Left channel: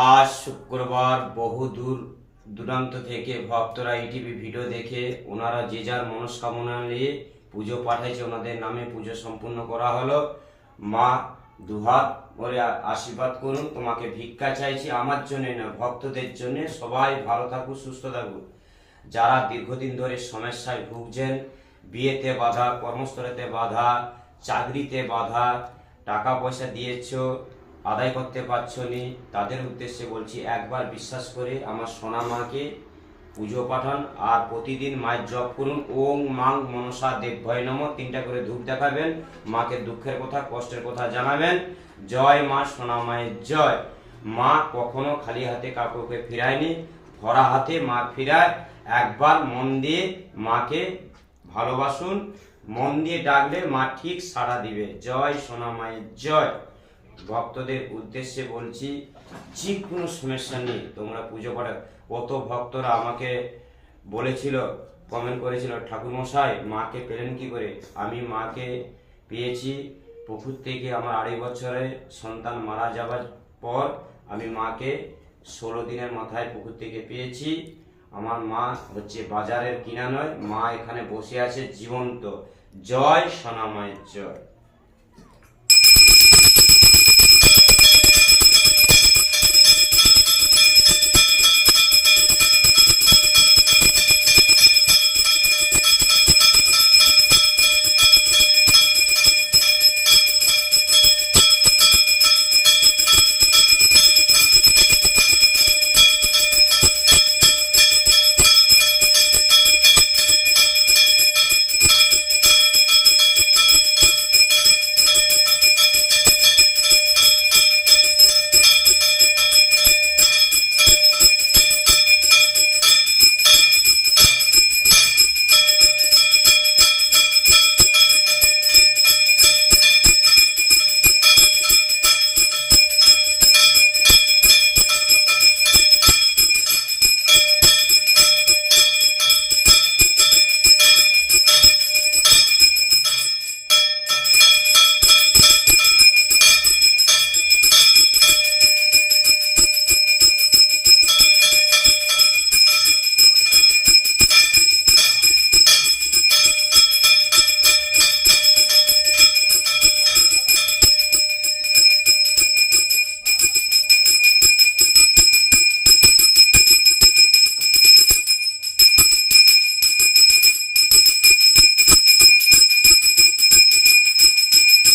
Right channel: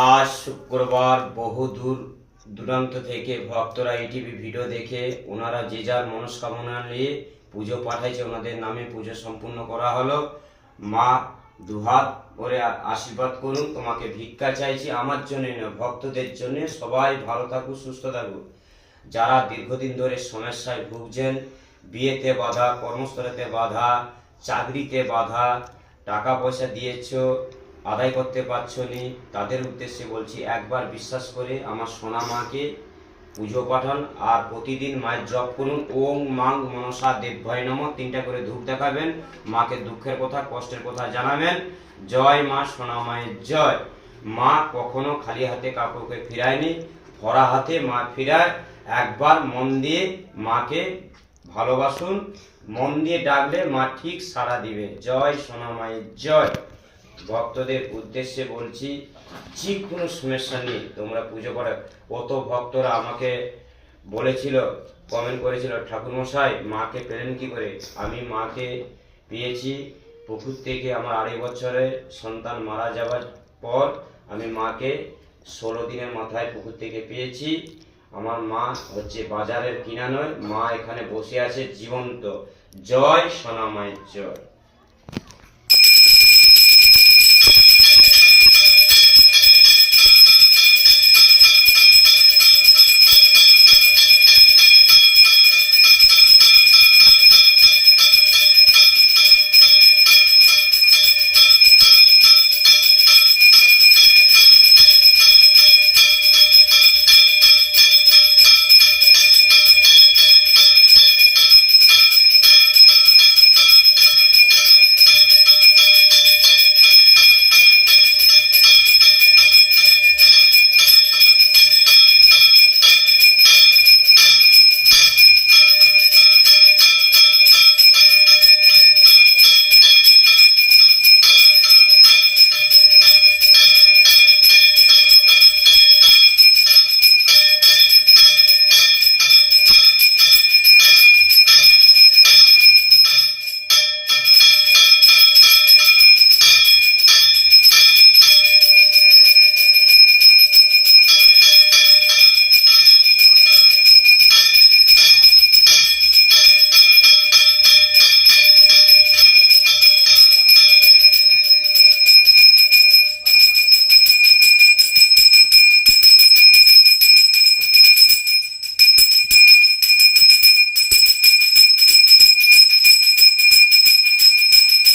আজ শুক্রবার বহু দূর দূরান্ত থেকে ভক্তরা ইটিভি ভিডিও দেখে ওনারা যে যার মনস্কামনা নিয়ে পুজো পাঠাইছে, ওনাদের নামে পুজো সম্পূর্ণ করা হলো। মা দুহাত করে আশীর্বাদ করুন, তোমাকে ভিক্ষা চাইছি, আমার জন্য না, ভক্তদের জন্য। সবাই ভালো থাকুক, সুস্থ থাকুক। যারা দীর্ঘদিন ধরে সমস্যায় ভুগছেন, বিয়েতে বাধা, কর্মস্থলেতে বাধা, চাকরিতে বাধা, টাকা পয়সা দিয়েছ আদায় করতে পারছো নি, তাদের উদ্দেশ্যে বলছি, একবার বিশ্বাস করে আমার সোনা মাকে পুজো পাঠান আর প্রতিদিন মায়ের জপ করুন। ওং মাং মনসা দেবভয় নমঃ 3টা করে ধূপ দেখাবেন, মাকে দুঃখের কথা, কষ্টের কথা জানাবেন। জয় মা, সোনা মায়ের জয়। মা কখনো খালি হাতে কাউকে ফিরায়নি, ভরা হাতে মা ফিরায়। একবার মন দিয়ে মাকে ভালোবাসুন, মন দিয়ে ডাকলে মা ঠিক সাড়া দিবে। জয় সোনা মায়ের জয়। ভক্তদের উদ্দেশ্যে বলছি, যে কোনো সমস্যা নেই তোমরা পুজো করো। কত ভক্তরা আমাকে বলেছিল, কমেন্ট করেছিল, ঠাকুরমশাই মাকে পেলেন কি করে? আমি মাকে পেয়েছি পুকুর থেকে। আমার 2.5 বছরে সন্তান মারা যাওয়ার পর আমি মাকে 16 দিনের মাথায় পুকুর থেকে পেয়েছি। আমার মা হচ্ছে বাজারের কিনা নয়, মা এখানে বসে আছে জীবন্ত। জয় সোনা মায়ের জয়।